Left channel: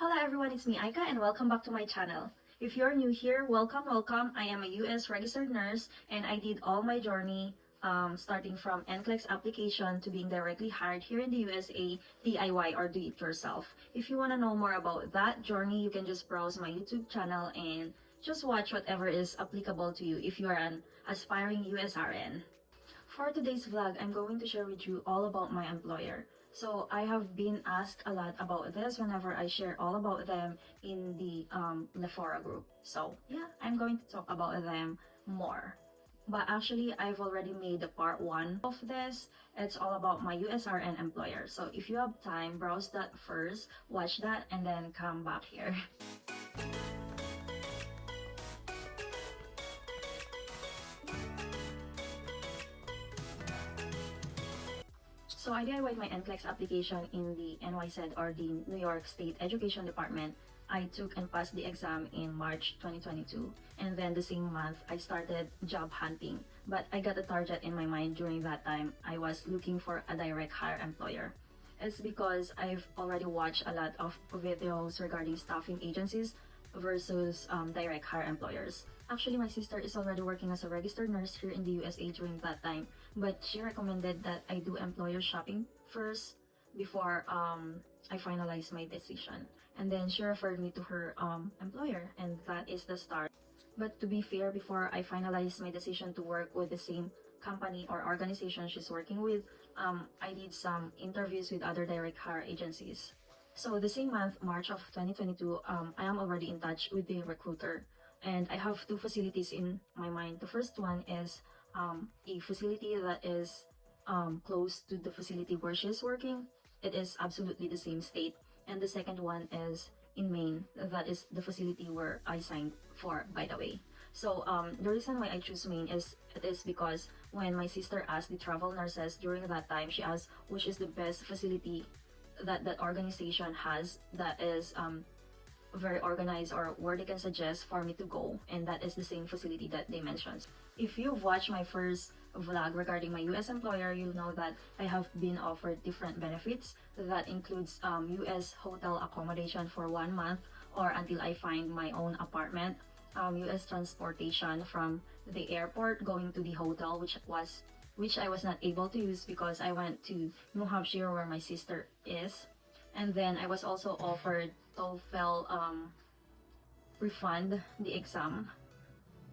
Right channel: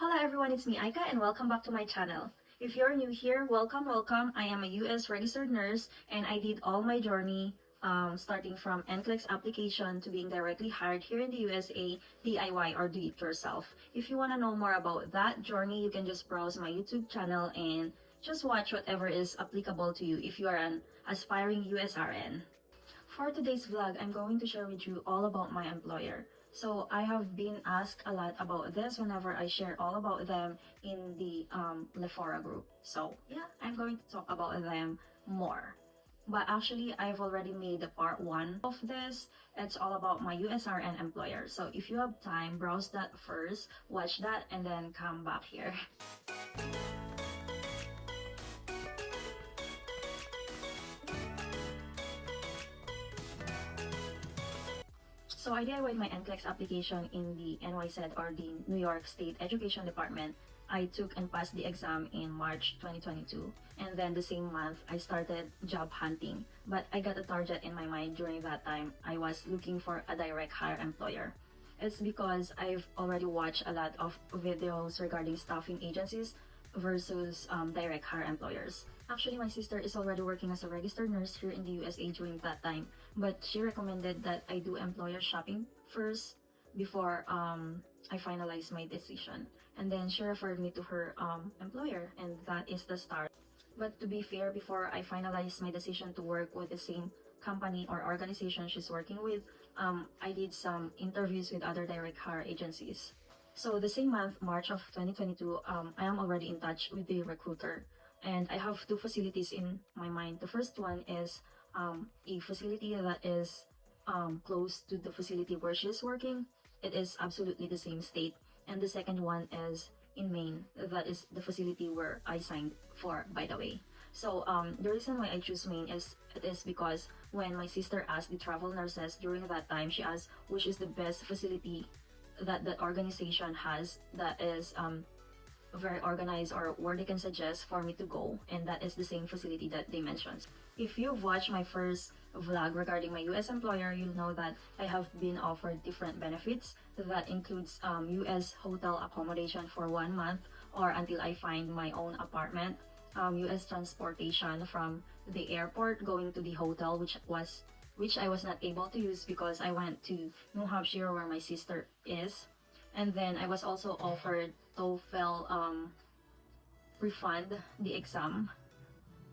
Hello everyone, it's me Aika and welcome back to my channel. If you're new here, welcome. I am a US registered nurse and I did all my journey starting from NCLEX application to being directly hired here in the USA, DIY or do it yourself. If you want to know more about that journey, you can just browse my YouTube channel and just watch whatever is applicable to you if you are an aspiring USRN. For today's vlog, I'm going to share with you all about my employer. So I have been asked a lot about this whenever I share all about them in the Lefora group. So yeah, I'm going to talk about them more. But actually, I've already made a part 1 of this. It's all about my USRN employer. So if you have time, browse that first, watch that, and then come back here. So I DIYed my NCLEX application in the NYSED or the New York State Education Department. I took and passed the exam in March 2022, and then the same month I started job hunting. But I got a target in my mind during that time. I was looking for a direct hire employer. It's because I've already watched a lot of videos regarding staffing agencies versus direct hire employers. Actually, my sister is already working as a registered nurse here in the USA during that time, but she recommended that I do employer shopping first before I finalize my decision. And then she referred me to her employer, and that is the start. But to be fair, before I finalized my decision to work with the same company or organization she's working with, I did some interviews with other direct hire agencies. So the same month, March of 2022, I am already in touch with the recruiter, and I have 2 facilities in my mind. The first one is a facility that is close to the facility where she's working. It is absolutely the same state. And the second one is in Maine. That is the facility where I signed for, by the way. So the reason why I choose Maine is because when my sister asked the travel nurses during that time, she asked which is the best facility that organization has that is very organized or where they can suggest for me to go, and that is the same facility that they mentioned. If you've watched my first vlog regarding my US employer, you'll know that I have been offered different benefits that includes US hotel accommodation for 1 month or until I find my own apartment, US transportation from the airport going to the hotel, which I was not able to use because I went to New Hampshire where my sister is. And then I was also offered TOEFL refund the exam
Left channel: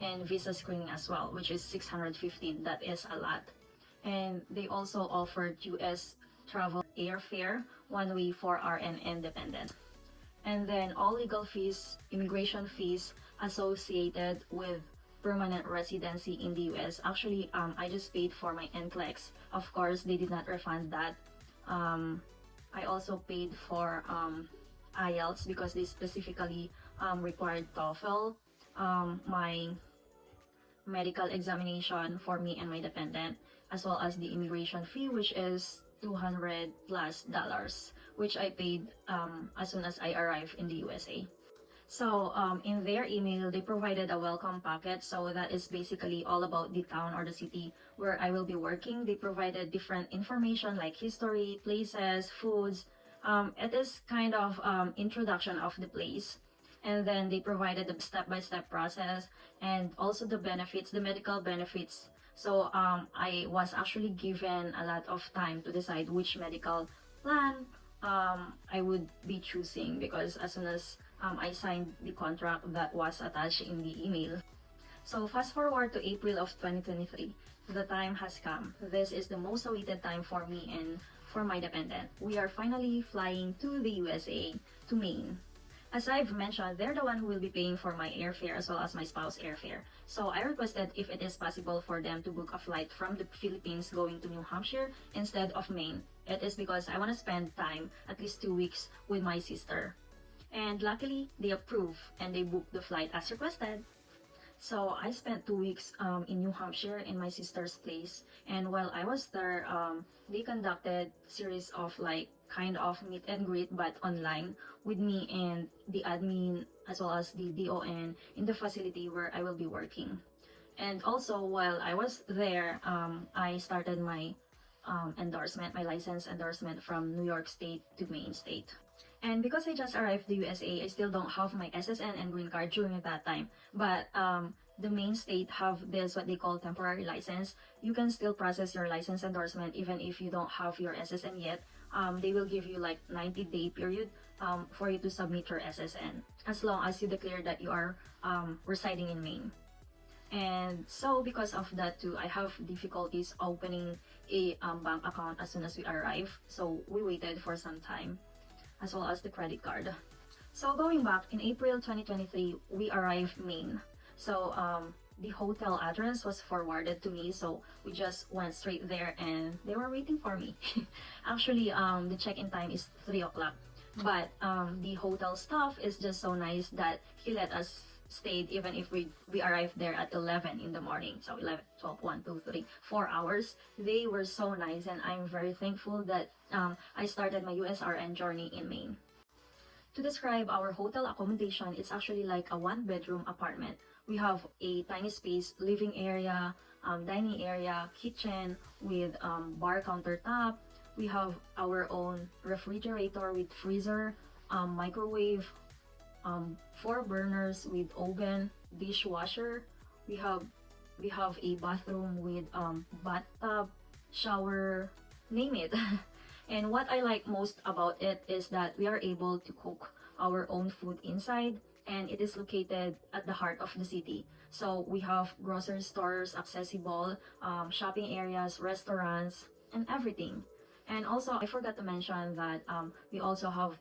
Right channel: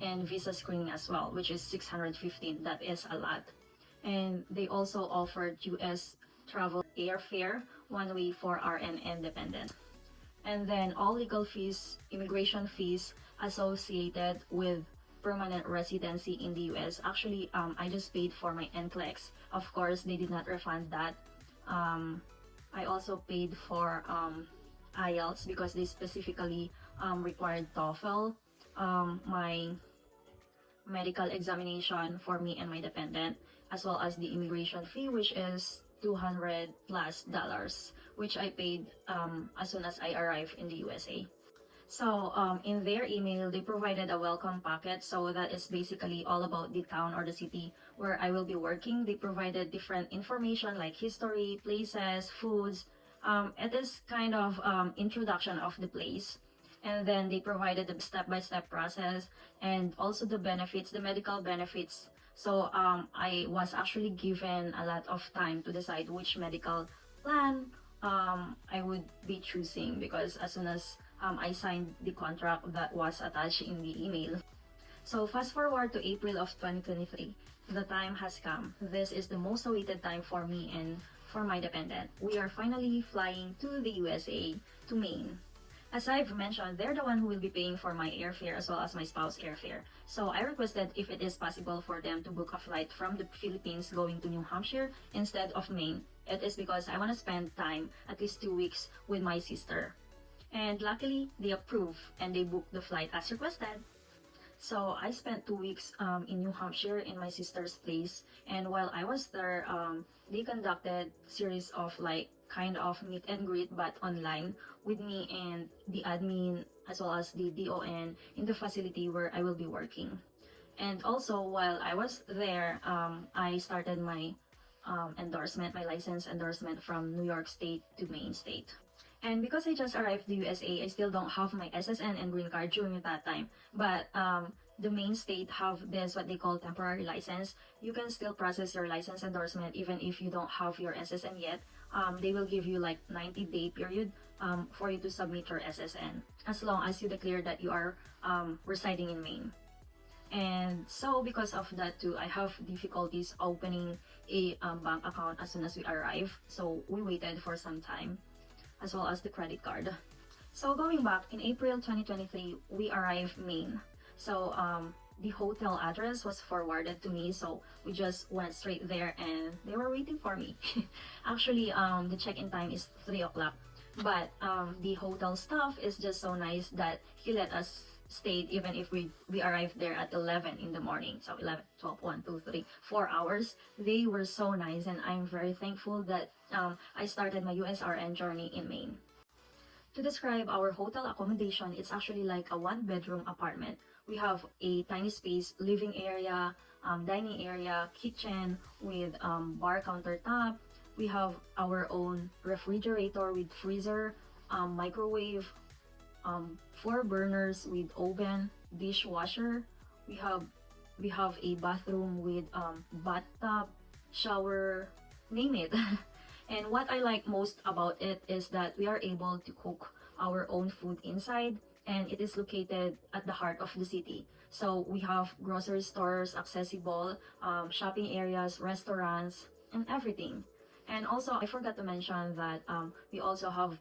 and visa screening as well, which is $615. That is a lot. And they also offered US travel airfare one way for RN and dependent. And then all legal fees, immigration fees associated with permanent residency in the US. Actually, I just paid for my NCLEX. Of course, they did not refund that. I also paid for IELTS because they specifically required TOEFL. My medical examination for me and my dependent, as well as the immigration fee, which is $200+, which I paid as soon as I arrived in the USA. So in their email, they provided a welcome packet. So that is basically all about the town or the city where I will be working. They provided different information like history, places, foods. It is kind of introduction of the place. And then they provided the step-by-step process and also the benefits, the medical benefits. So I was actually given a lot of time to decide which medical plan I would be choosing, because as soon as I signed the contract that was attached in the email. So fast forward to April of 2023. The time has come. This is the most awaited time for me and for my dependent. We are finally flying to the USA, to Maine. As I've mentioned, they're the one who will be paying for my airfare as well as my spouse airfare. So I requested if it is possible for them to book a flight from the Philippines going to New Hampshire instead of Maine. It is because I want to spend time, at least 2 weeks, with my sister. And luckily, they approved and they booked the flight as requested. So I spent 2 weeks in New Hampshire in my sister's place. And while I was there, they conducted series of like kind of meet and greet but online with me and the admin as well as the DON in the facility where I will be working. And also while I was there, I started my endorsement, my license endorsement from New York State to Maine State. And because I just arrived to the USA, I still don't have my SSN and green card during that time. But the main state have this what they call temporary license. You can still process your license endorsement even if you don't have your SSN yet. They will give you like 90-day period for you to submit your SSN as long as you declare that you are residing in Maine. And so because of that too, I have difficulties opening a bank account as soon as we arrive. So we waited for some time, as well as the credit card. So going back, in April 2023, we arrived Maine. So the hotel address was forwarded to me, so we just went straight there and they were waiting for me. Actually, the check-in time is 3 o'clock, but the hotel staff is just so nice that he let us stayed even if we arrived there at 11 in the morning. So 11, 12, 1, 2, 3, 4 hours. They were so nice, and I'm very thankful that I started my USRN journey in Maine. To describe our hotel accommodation, it's actually like a 1-bedroom apartment. We have a tiny space, living area, dining area, kitchen with bar countertop. We have our own refrigerator with freezer, microwave, 4 burners with oven, dishwasher. We have a bathroom with bathtub, shower, name it. And what I like most about it is that we are able to cook our own food inside, and it is located at the heart of the city. So we have grocery stores accessible, shopping areas, restaurants, and everything. And also, I forgot to mention that we also have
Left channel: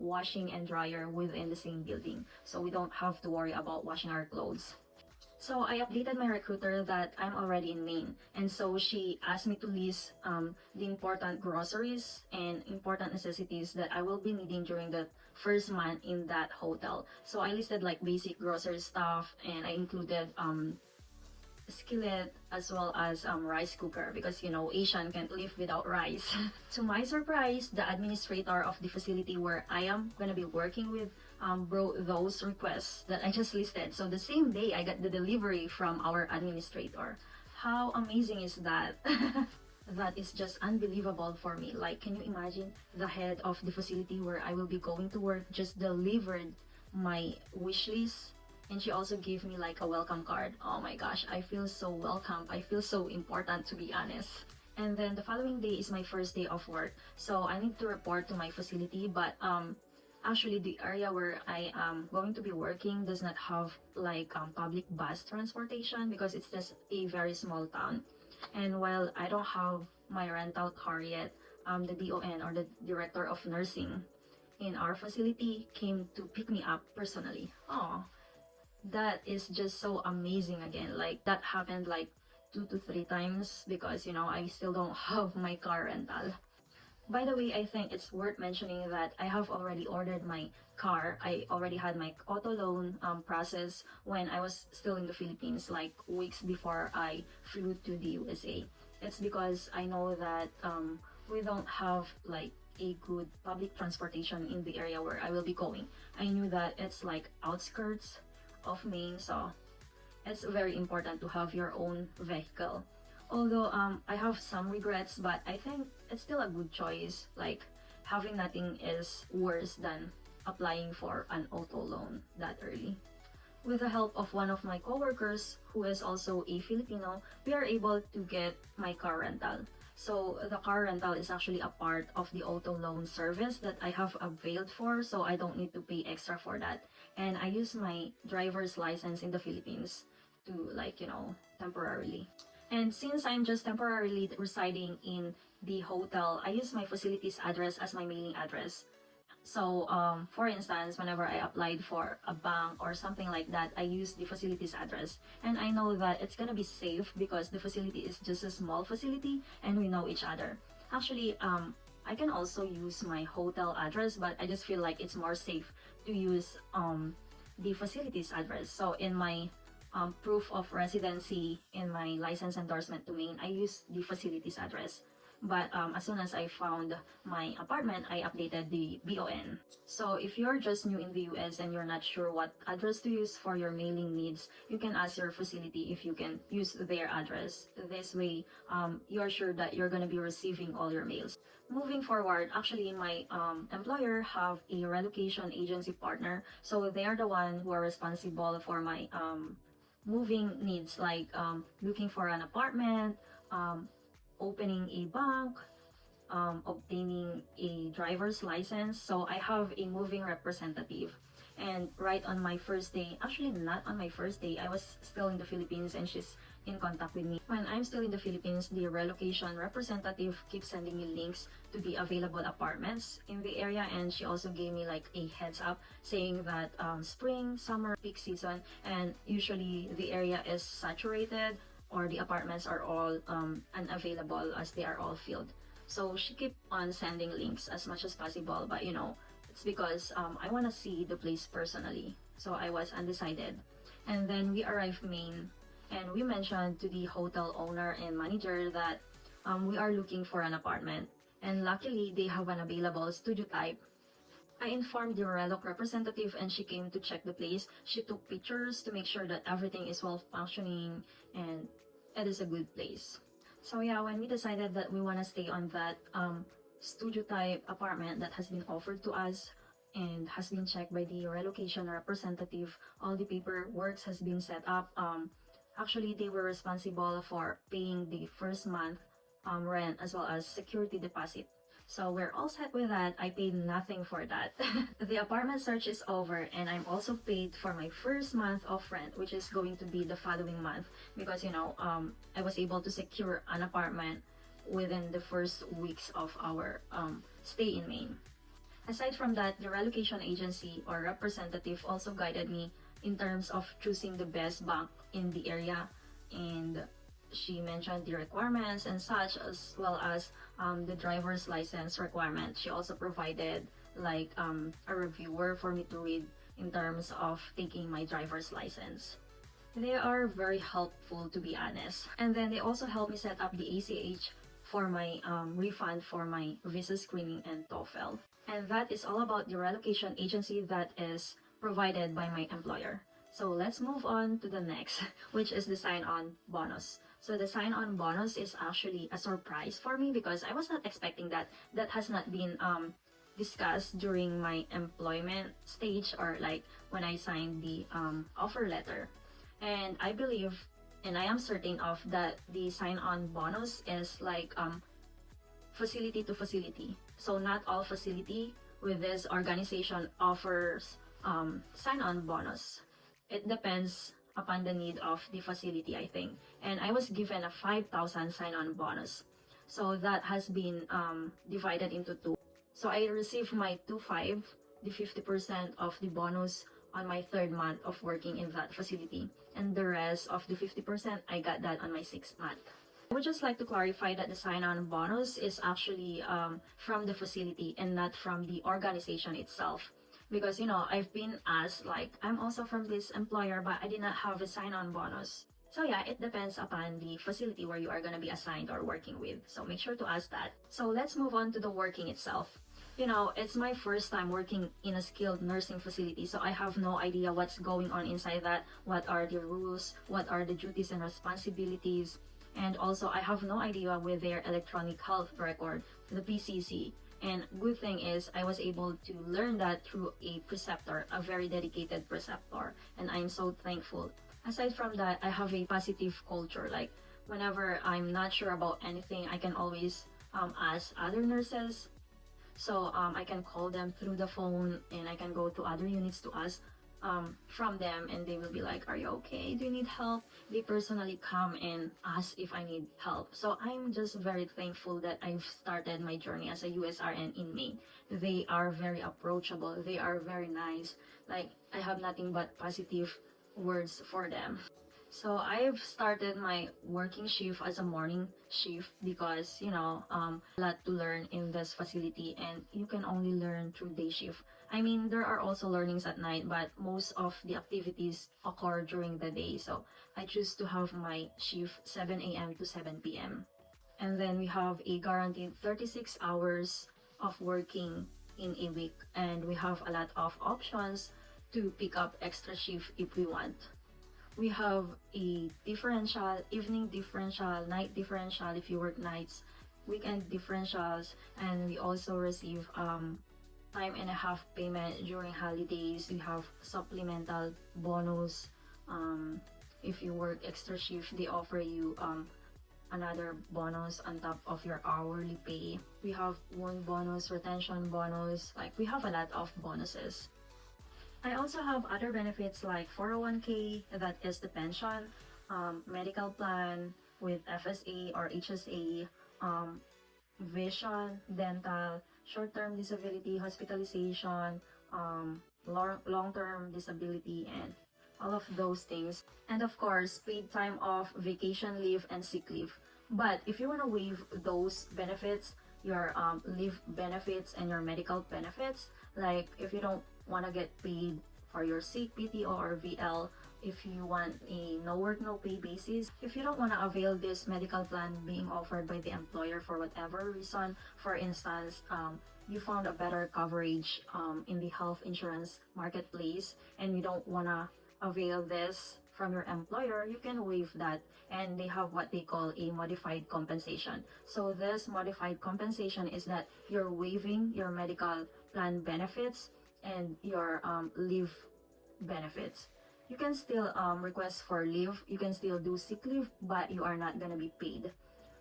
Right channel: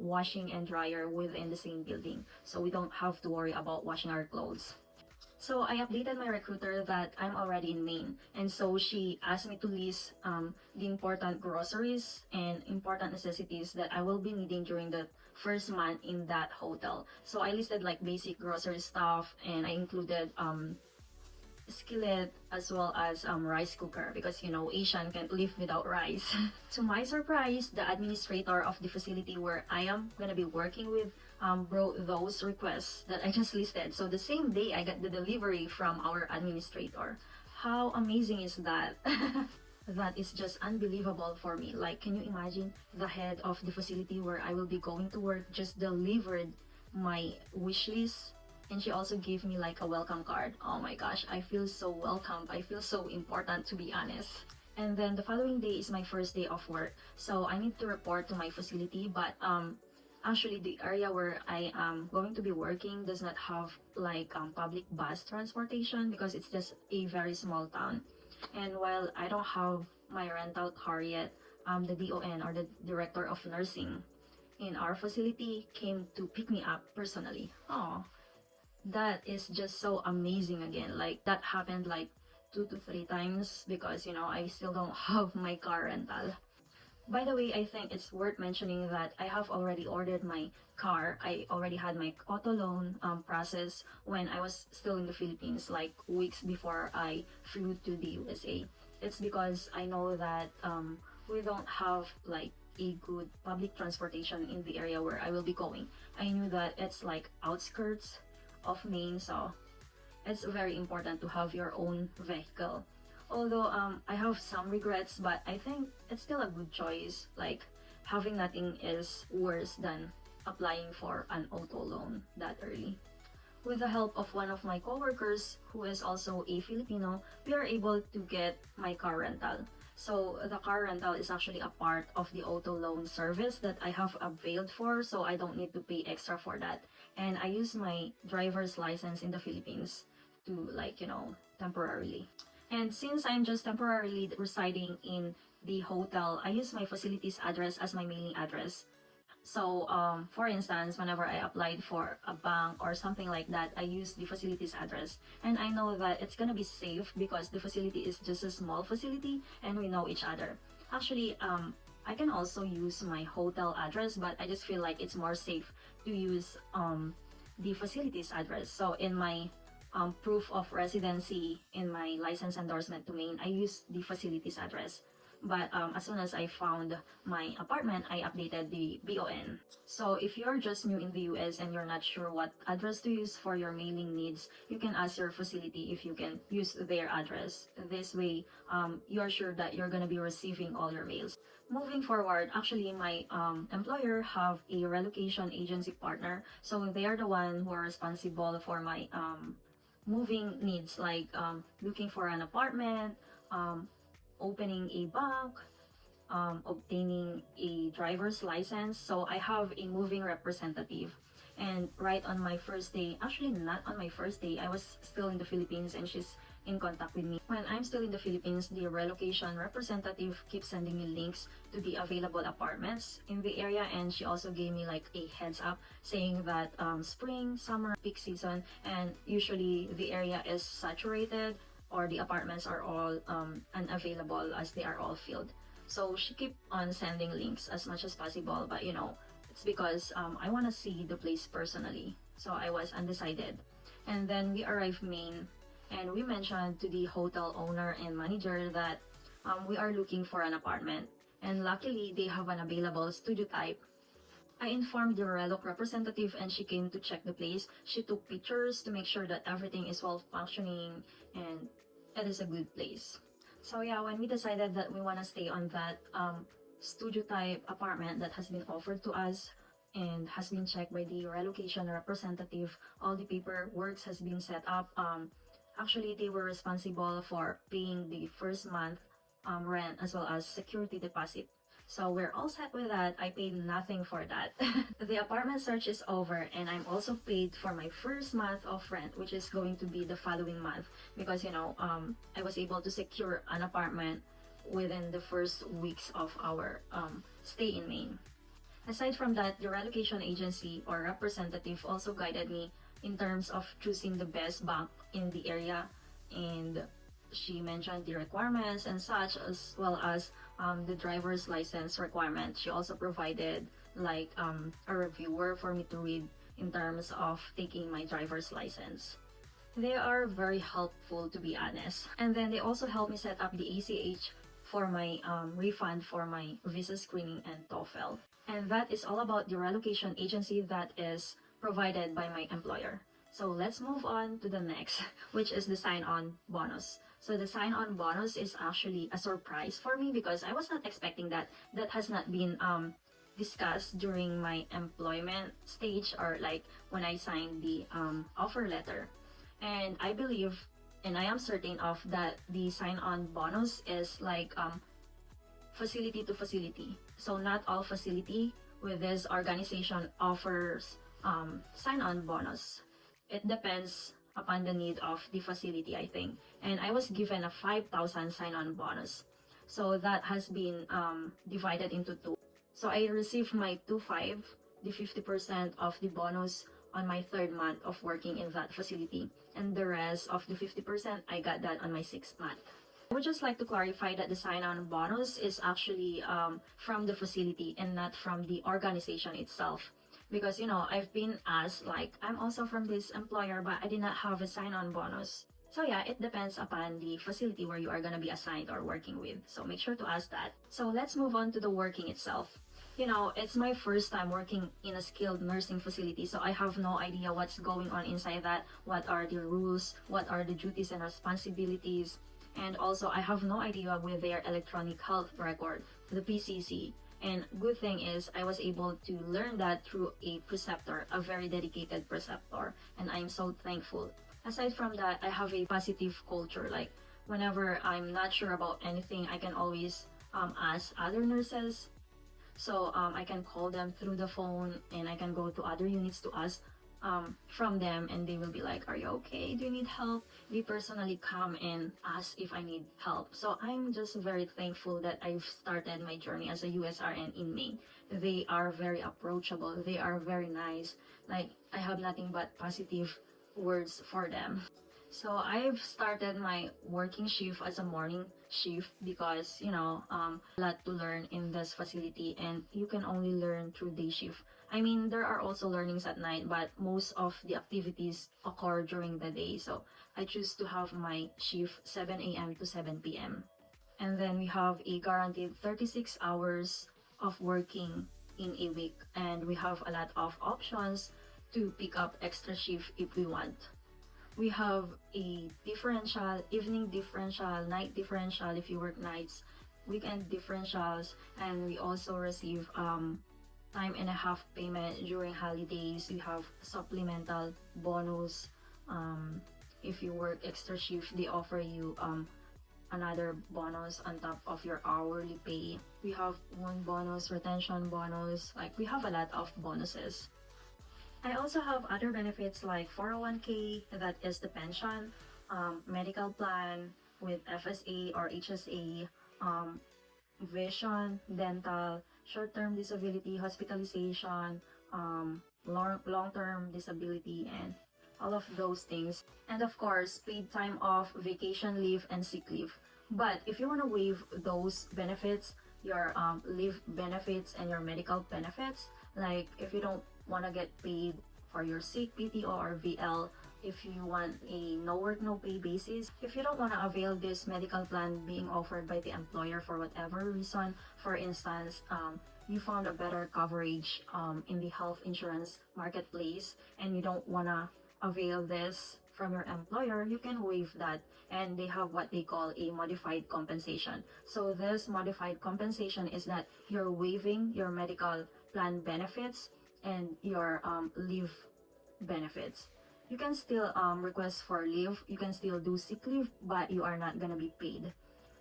washing and dryer within the same building. So we don't have to worry about washing our clothes. So I updated my recruiter that I'm already in Maine. And so she asked me to list the important groceries and important necessities that I will be needing during the first month in that hotel. So I listed like basic grocery stuff, and I included skillet as well as rice cooker, because you know Asian can't live without rice. To my surprise, the administrator of the facility where I am gonna be working with brought those requests that I just listed. So the same day I got the delivery from our administrator. How amazing is that? That is just unbelievable for me. Like, can you imagine the head of the facility where I will be going to work just delivered my wish list? And she also gave me like a welcome card. Oh my gosh, I feel so welcome. I feel so important, to be honest. And then the following day is my first day of work. So I need to report to my facility, but actually the area where I am going to be working does not have like public bus transportation because it's just a very small town. And while I don't have my rental car yet, the DON, or the Director of Nursing in our facility, came to pick me up personally. Oh, that is just so amazing again. Like, that happened like 2 to 3 times because, you know, I still don't have my car rental. By the way, I think it's worth mentioning that I have already ordered my car. I already had my Autoloan process when I was still in the Philippines, like weeks before I flew to the USA. It's because I know that we don't have like a good public transportation in the area where I will be going. I knew that it's like outskirts of Maine, so it's very important to have your own vehicle. Although I have some regrets, but I think it's still a good choice. Like, having nothing is worse than applying for an auto loan that early. With the help of one of my coworkers, who is also a Filipino, we are able to get my car rental. So the car rental is actually a part of the auto loan service that I have availed for, so I don't need to pay extra for that. And I use my driver's license in the Philippines to, like, you know, temporarily. And since I'm just temporarily residing in the hotel, I use my facility's address as my mailing address. So, for instance, whenever I applied for a bank or something like that, I use the facility's address. And I know that it's gonna be safe because the facility is just a small facility and we know each other. Actually, I can also use my hotel address, but I just feel like it's more safe to use the facility's address. So in my proof of residency in my license endorsement to Maine, I use the facility's address. But as soon as I found my apartment, I updated the BON. So if you're just new in the US and you're not sure what address to use for your mailing needs, you can ask your facility if you can use their address. This way, you're sure that you're gonna be receiving all your mails. Moving forward, actually my employer have a relocation agency partner, so they are the one who are responsible for my moving needs, like looking for an apartment, opening a bank, obtaining a driver's license. So I have a moving representative. And right on my first day, actually not on my first day, I was still in the Philippines and she's in contact with me. When I'm still in the Philippines, the relocation representative keeps sending me links to the available apartments in the area, and she also gave me like a heads up saying that spring, summer, peak season, and usually the area is saturated or the apartments are all unavailable as they are all filled. So she kept on sending links as much as possible, but it's because I want to see the place personally. So I was undecided. And then we arrived Maine, and we mentioned to the hotel owner and manager that we are looking for an apartment. And luckily, they have an available studio type. I informed the Reloc representative and she came to check the place. She took pictures to make sure that everything is well functioning and it is a good place. So yeah, when we decided that we want to stay on that studio type apartment that has been offered to us and has been checked by the relocation representative, all the paperwork has been set up. Actually, they were responsible for paying the first month rent as well as security deposit. So we're all set with that. I paid nothing for that. The apartment search is over and I'm also paid for my first month of rent, which is going to be the following month because I was able to secure an apartment within the first weeks of our stay in Maine. Aside from that, the relocation agency or representative also guided me in terms of choosing the best bank in the area, and she mentioned the requirements and such, as well as the driver's license requirement. She also provided like a reviewer for me to read in terms of taking my driver's license. They are very helpful, to be honest. And then they also helped me set up the ACH for my refund for my visa screening and TOEFL. And that is all about the relocation agency that is provided by my employer. So let's move on to the next, which is the sign-on bonus. So the sign-on bonus is actually a surprise for me because I was not expecting that. That has not been discussed during my employment stage or like when I signed the offer letter. And I believe and I am certain of that the sign-on bonus is like facility to facility. So not all facility with this organization offers sign-on bonus. It depends upon the need of the facility, I think. And I was given a 5,000 sign-on bonus. So that has been divided into two. So I received my 2.5, the 50% of the bonus on my third month of working in that facility. And the rest of the 50%, I got that on my sixth month. I would just like to clarify that the sign-on bonus is actually from the facility and not from the organization itself. Because, I've been asked, like, I'm also from this employer, but I did not have a sign-on bonus. So yeah, it depends upon the facility where you are going to be assigned or working with. So make sure to ask that. So let's move on to the working itself. It's my first time working in a skilled nursing facility, so I have no idea what's going on inside that, what are the rules, what are the duties and responsibilities, and also I have no idea with their electronic health record, the PCC. And good thing is I was able to learn that through a preceptor, a very dedicated preceptor, and I'm so thankful. Aside from that, I have a positive culture. Like whenever I'm not sure about anything, I can always ask other nurses. So I can call them through the phone and I can go to other units to ask from them, and they will be like, are you okay? Do you need help? They personally come and ask if I need help. So I'm just very thankful that I've started my journey as a USRN in Maine. They are very approachable. They are very nice. Like I have nothing but positive words for them. So I've started my working shift as a morning shift because, a lot to learn in this facility and you can only learn through day shift. I mean, there are also learnings at night, but most of the activities occur during the day. So I choose to have my shift 7 a.m. to 7 p.m. And then we have a guaranteed 36 hours of working in a week. And we have a lot of options to pick up extra shift if we want. We have a differential, evening differential, night differential if you work nights, weekend differentials, and we also receive time and a half payment during holidays. We have supplemental bonus. If you work extra shift, they offer you another bonus on top of your hourly pay. We have wound bonus, retention bonus, like we have a lot of bonuses. I also have other benefits like 401k, that is the pension, medical plan with FSA or HSA, vision, dental, short-term disability, hospitalization, long-term disability, and all of those things. And of course, paid time off, vacation leave, and sick leave. But if you want to waive those benefits, your leave benefits and your medical benefits, like if you don't want to get paid for your sick, PTO, or VL, if you want a no work no pay basis, if you don't want to avail this medical plan being offered by the employer for whatever reason, for instance, you found a better coverage in the health insurance marketplace and you don't want to avail this from your employer, you can waive that, and they have what they call a modified compensation. So this modified compensation is that you're waiving your medical plan benefits and your leave benefits. You can still request for leave, you can still do sick leave, but you are not gonna be paid.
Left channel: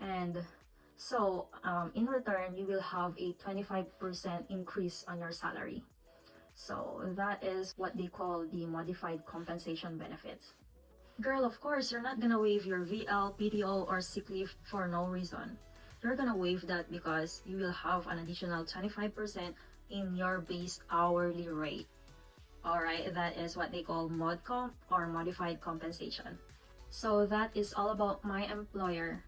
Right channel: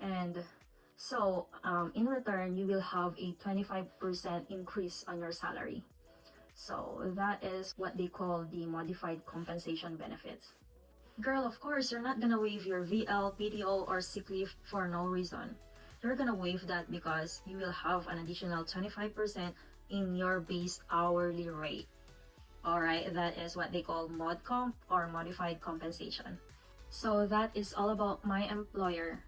And so in return, you will have a 25% increase on your salary. So that is what they call the modified compensation benefits. Girl, of course, you're not gonna waive your VL, PTO, or sick leave for no reason. You're gonna waive that because you will have an additional 25% in your base hourly rate. Alright, that is what they call mod comp or modified compensation. So that is all about my employer.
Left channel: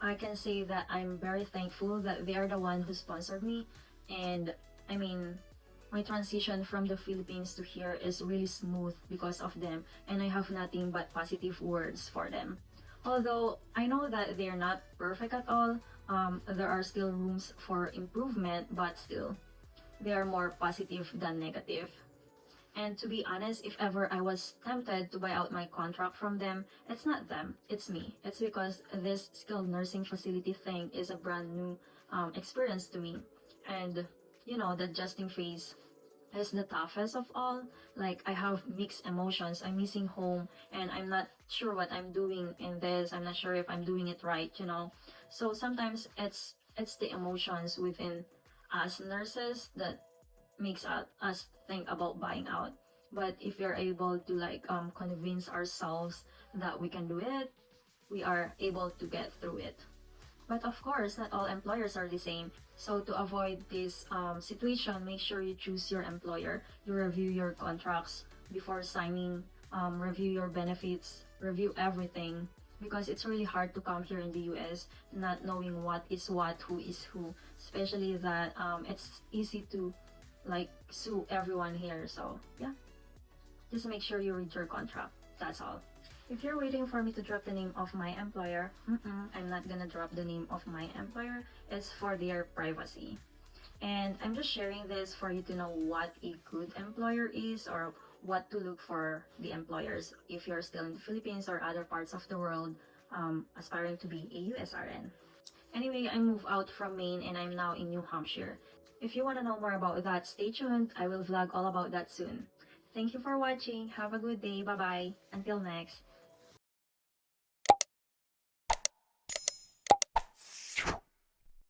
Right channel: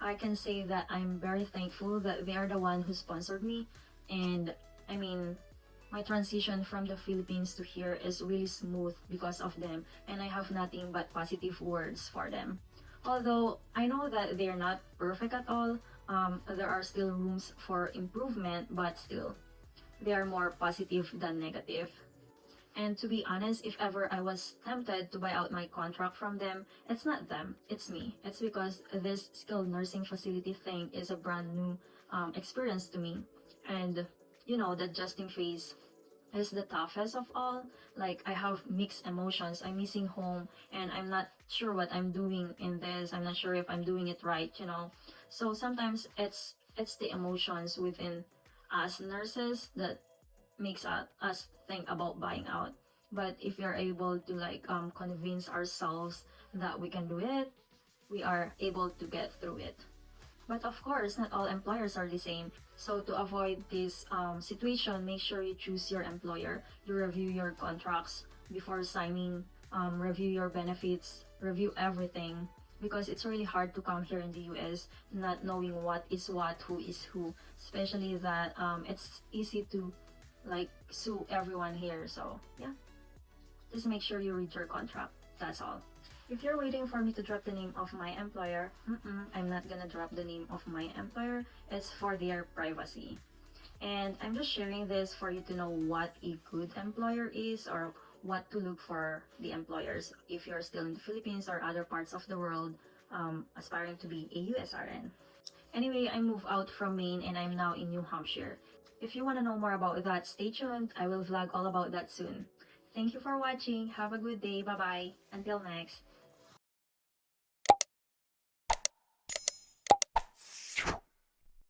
I can say that I'm very thankful that they are the one who sponsored me, and I mean, my transition from the Philippines to here is really smooth because of them, and I have nothing but positive words for them. Although I know that they're not perfect at all, there are still rooms for improvement, but still, they are more positive than negative. And to be honest, if ever I was tempted to buy out my contract from them, it's not them, it's me. It's because this skilled nursing facility thing is a brand new experience to me. And you know, the adjusting phase is the toughest of all. Like, I have mixed emotions. I'm missing home and I'm not sure what I'm doing in this. I'm not sure if I'm doing it right, you know. So sometimes it's the emotions within us nurses that makes us think about buying out. But if you're able to like convince ourselves that we can do it, we are able to get through it. But of course, not all employers are the same. So to avoid this situation, make sure you choose your employer. You review your contracts before signing, review your benefits, review everything. Because it's really hard to come here in the US not knowing what is what, who is who. Especially that it's easy to like sue everyone here. So yeah, just make sure you read your contract. That's all. If you're waiting for me to drop the name of my employer, I'm not gonna drop the name of my employer. It's for their privacy. And I'm just sharing this for you to know what a good employer is, or what to look for the employers if you're still in the Philippines or other parts of the world aspiring to be a USRN. Anyway, I moved out from Maine and I'm now in New Hampshire. If you want to know more about that, stay tuned. I will vlog all about that soon. Thank you for watching. Have a good day. Bye-bye. Until next.